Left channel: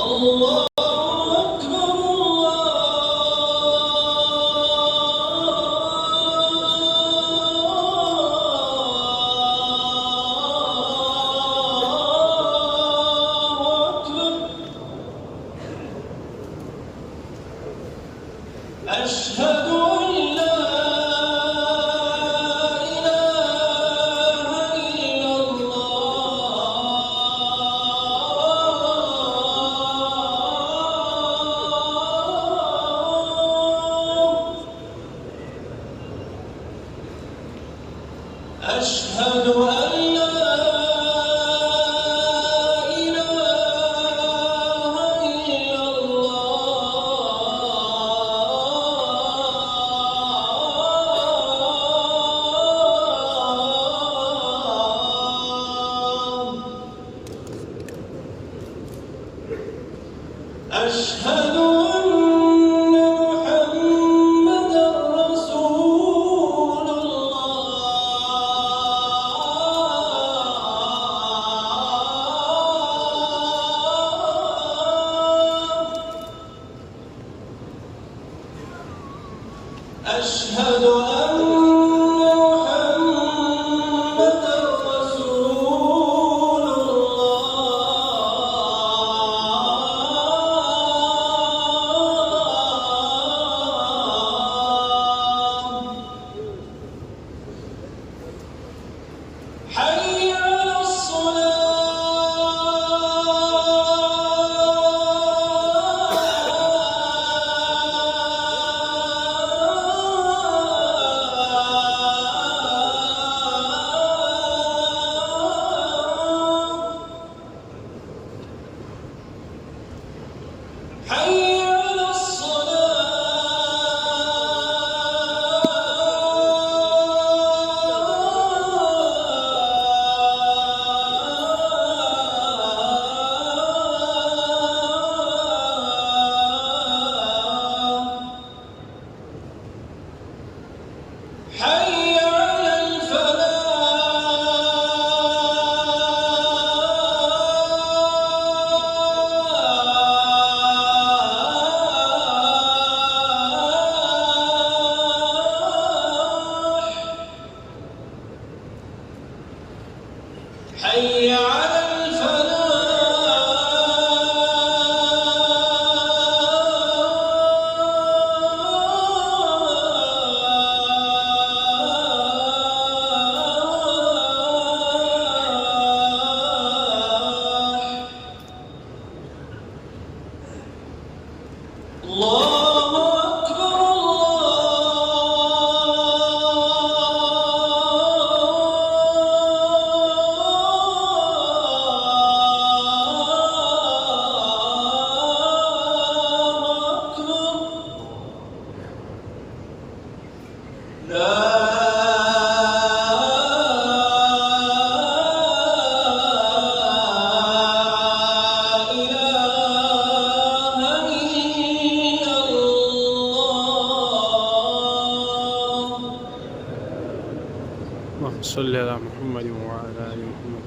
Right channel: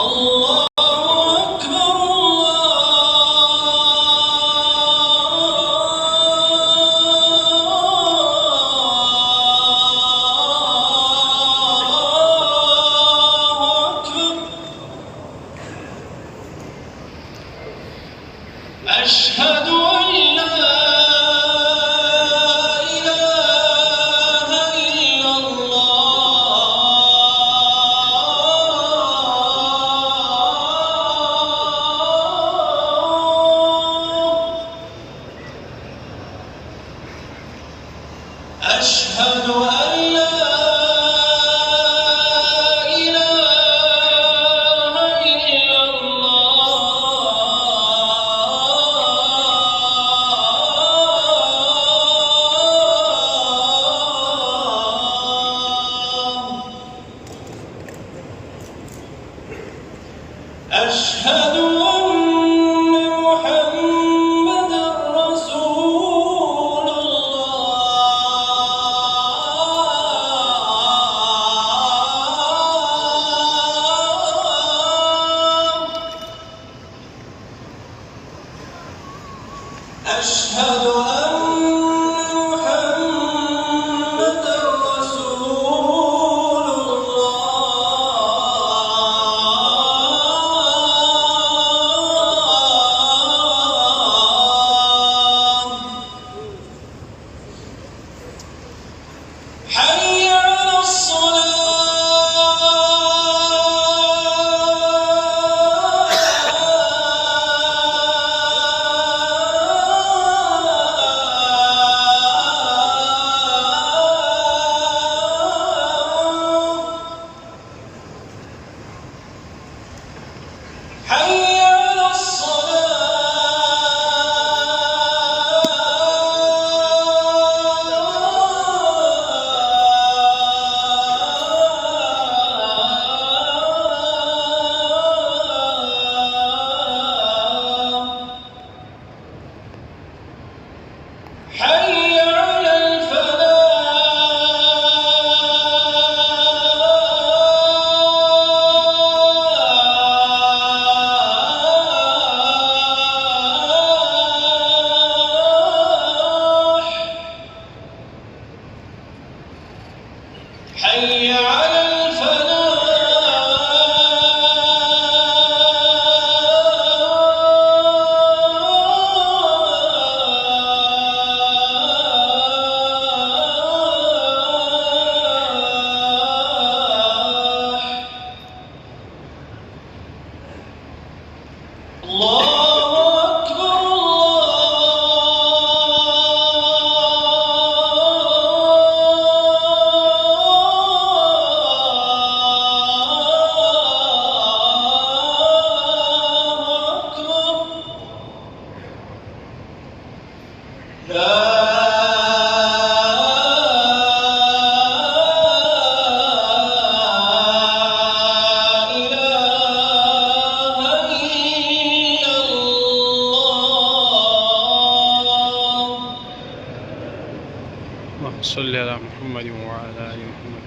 الله أكبر الله أكبر. أشهد أن لا إله إلا الله. أشهد أن لا إله إلا الله. أشهد أن محمدًا رسول الله. أشهد أن محمدًا رسول الله. حي على الصلاة. حي على الصلاة. حي على الفلاح. حي على الفلاح. الله أكبر الله أكبر. لا إله إلا الله. اللهم صل على محمد وعلى آل محمد.